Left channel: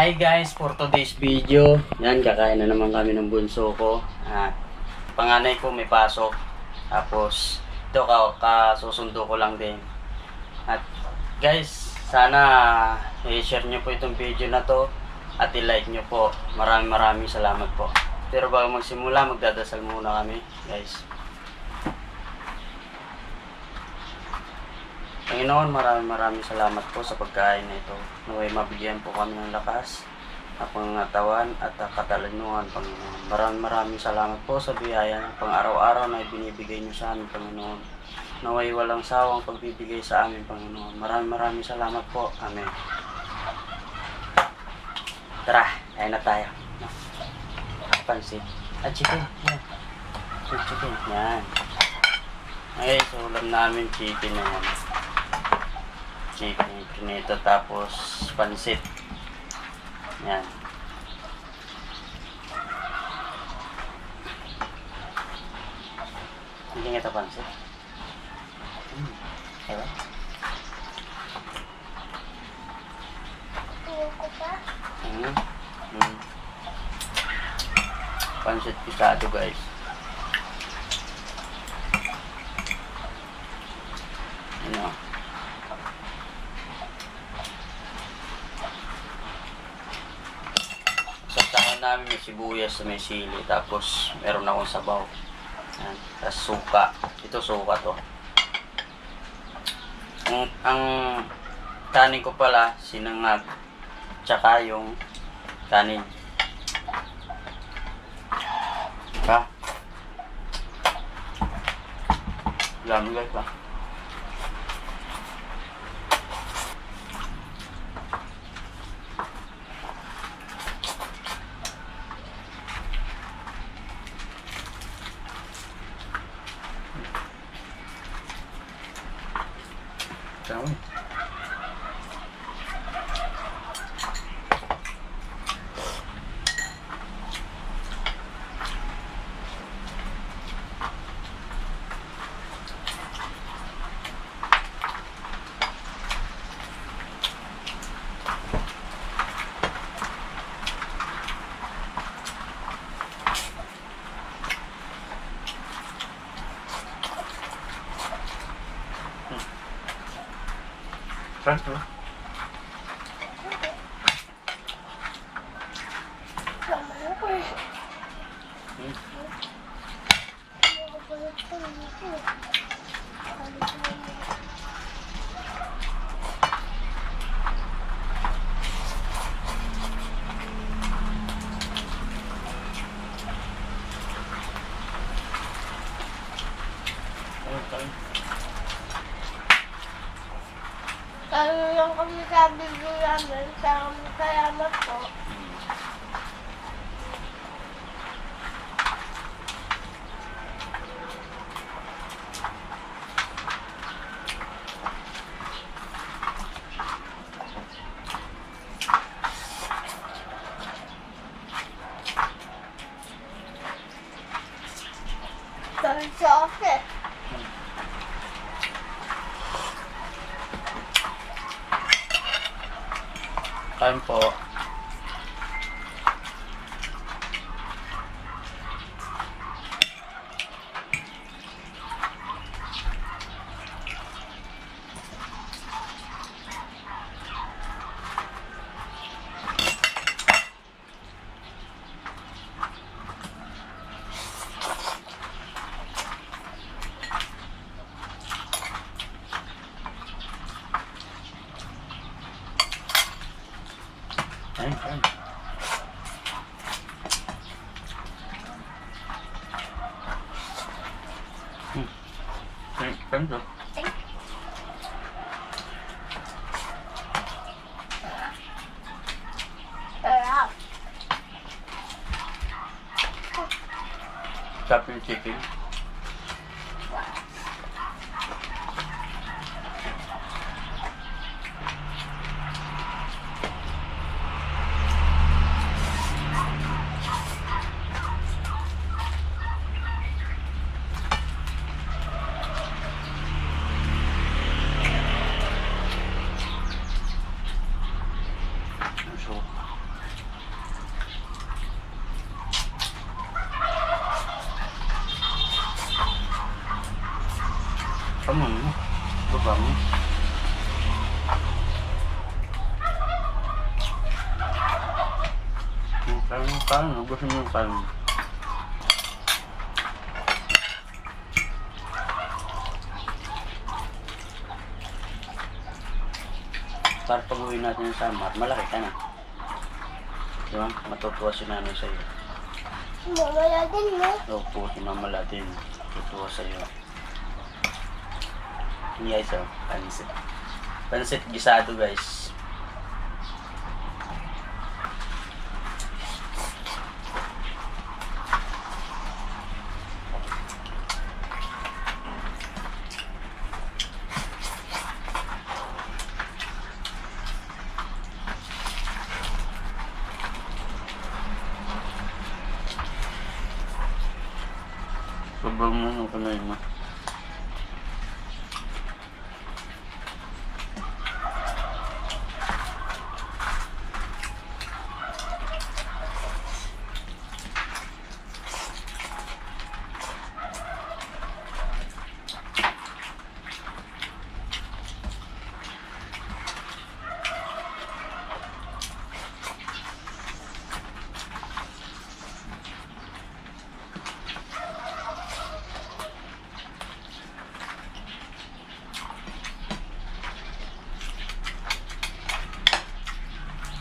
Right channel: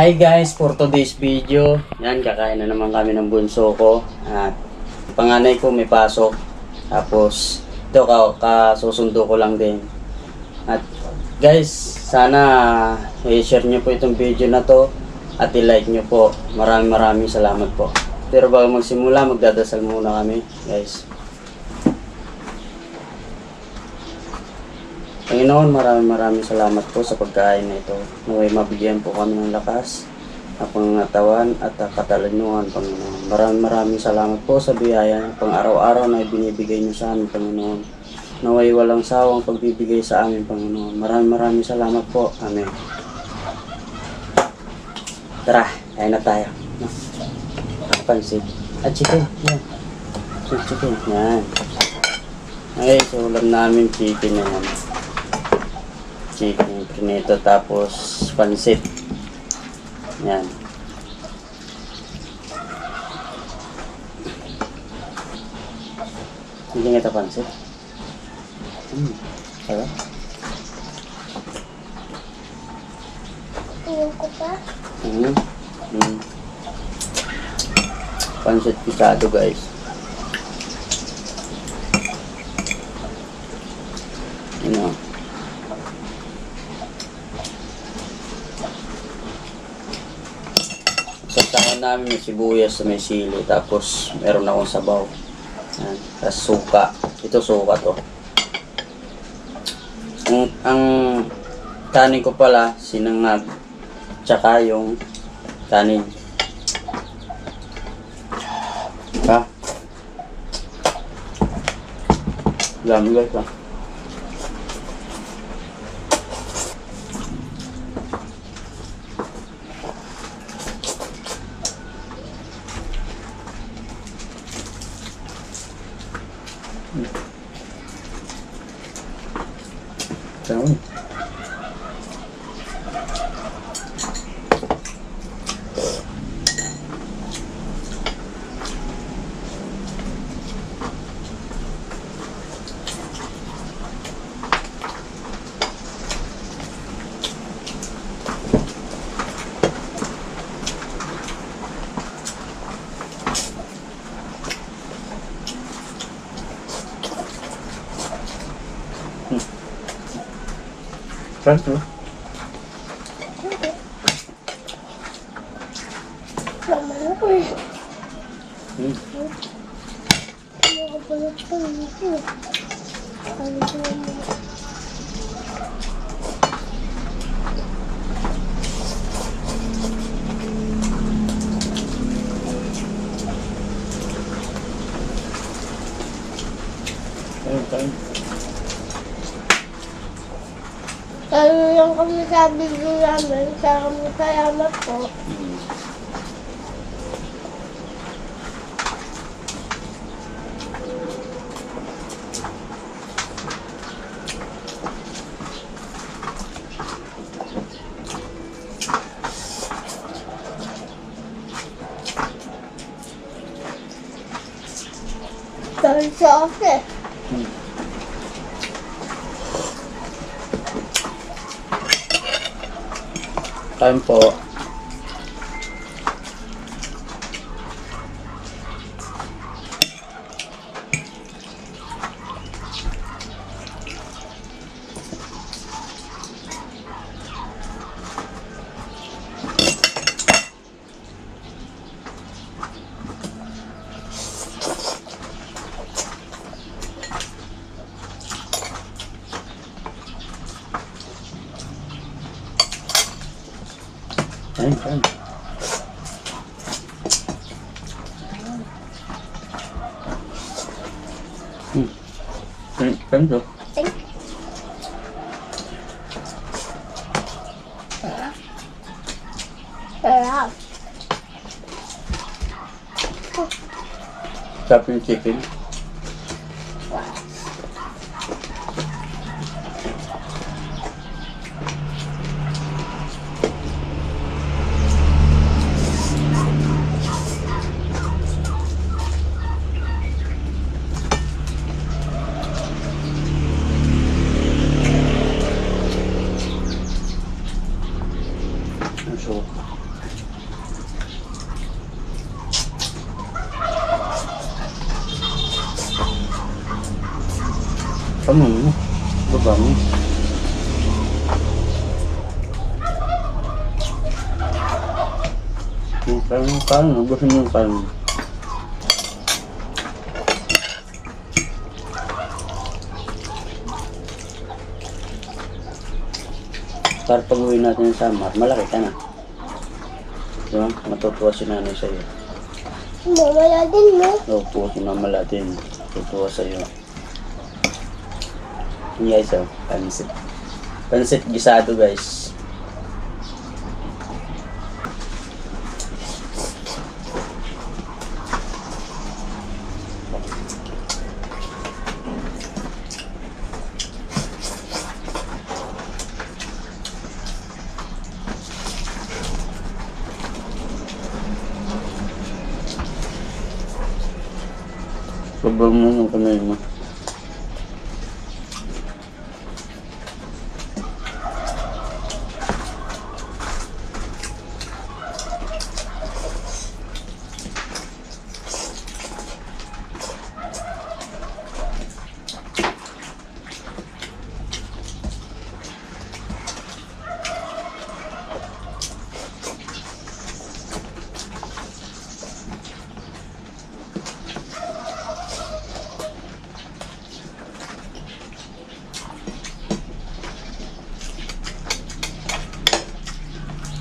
Hi guys, for today's video, yan, kakain na naman kami ng bunso ko. At panganay ko may pasok. Tapos, ito kasusundo ko lang din. At guys, sana i-share nyo po itong video na to. At i-like nyo po. Maraming salamat po. Pero bago magsimula, magdadasal muna kami guys. Panginoon, maraming salamat po sa pagkain na ito. Naway mabigyan po kami ng lakas, ng pangatawan at katalunungan, Panginoon. Maraming salamat po sa biyaya ng pang-araw-araw na ibinibigay niyo sa amin, Panginoon. Naway walang sawang pagbibigay sa amin, Panginoon. Maraming salamat po. Amen. Tara, kain na tayo. Pansit. At chicken. Yan. Chicken. Yan. Ay, so ulam namin chicken na yan. Chicken prinito tapos pansit. Yan. Hindi nga ito pansit. Ano? Tingin ko pa. Pansit pisado guys. You know. Sasahan namin yung sibuyas sa may sili. Tapos meron akong sabaw. Yan. Tapos suka. Ito suka to. Ang kanin ko pala sinangag. Tsaka yung kanin. Ha? Dami guys ha. Dami. Friends, no? Naman ako eh. Hmm. Ano ka pala ito? Ano ko naman? Ayun. Ano lang kami sa video namin, salamat po. Dahil sa office. Kain po. Kain. Kain po. Sarap. Sarap yung chicken. So, Kamu mo. Baba mo. Yung kain. Gusto mo yung kain. Para pag uwi natin sa Samar, malaki ka na. Diba? Matutuwa si nanay sa'yo. Mamaya din mo. Opo, sinamala din. Tutuwa sa'yo. Yung guys, oh, pansit. Pansit gisado, guys. Sobrang mo yung kamay mo.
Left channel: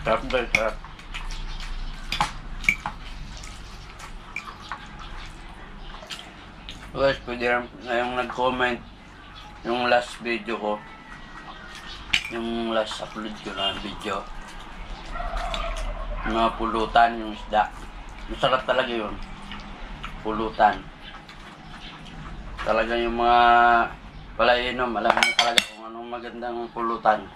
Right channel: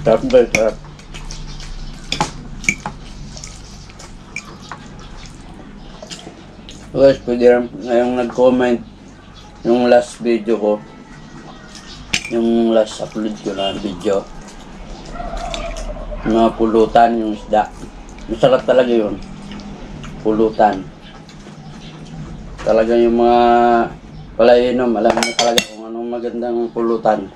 Sarap guys, sarap. Guys, pwede rin ngayong nag-comment yung last video ko. Yung last upload ko na video. Yung mga pulutan, yung isda. Masarap talaga yun. Pulutan. Talaga yung mga palainom, alam mo talaga kung anong magandang pulutan.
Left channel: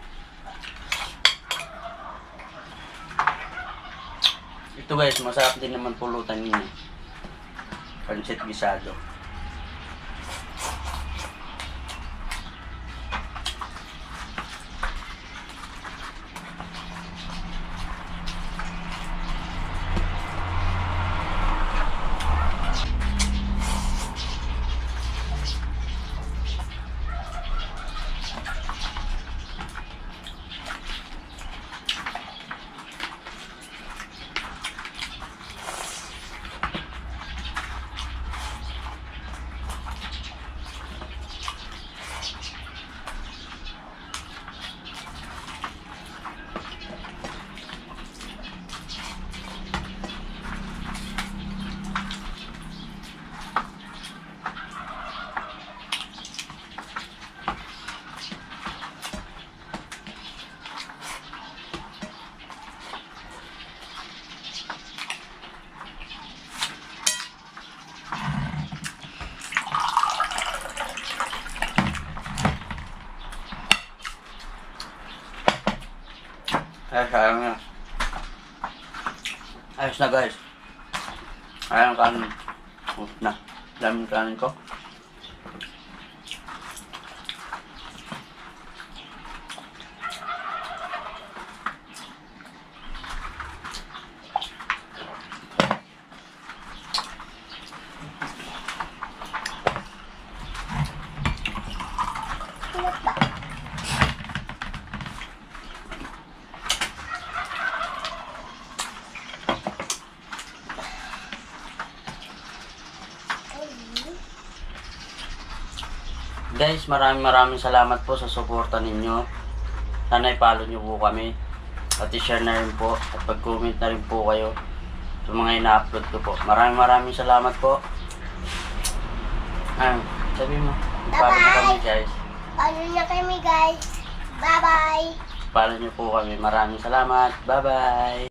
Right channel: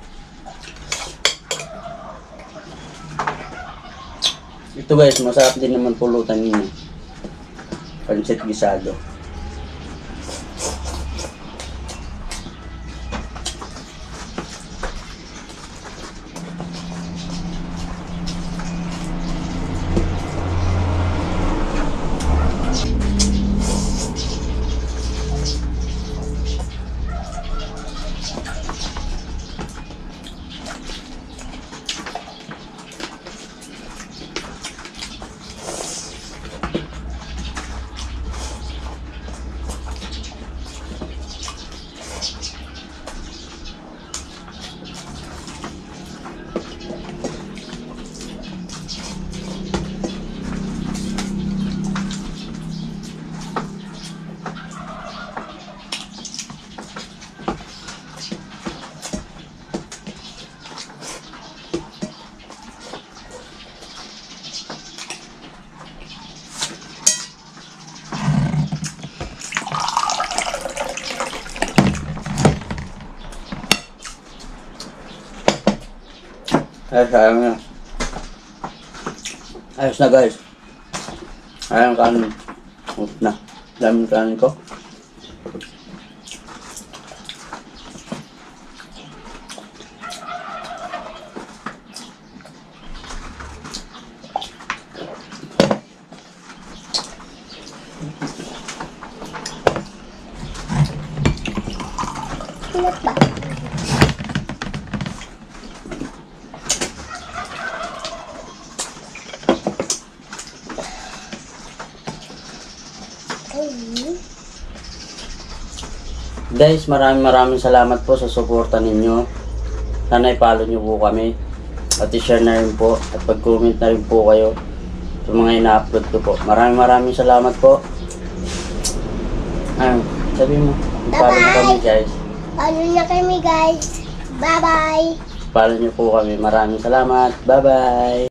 Ito guys, masarap din naman pulutan yun. Pansit gisado. Ay, sayang na. Ayos na guys. Ayang kanin. Ayos na. Daming kanin ko. Ano ba? Guys, maraming salamat po sa suporta ninyo. Sana i-follow nyo po kami. At i-share na rin po. At pag-comment na rin po kayo sa mga ina-upload ko po. Maraming salamat po. Sabi mo, i-follow nyo kami guys. Follow na kami guys. Bye-bye. Follow nyo po kami. Maraming salamat. Bye-bye.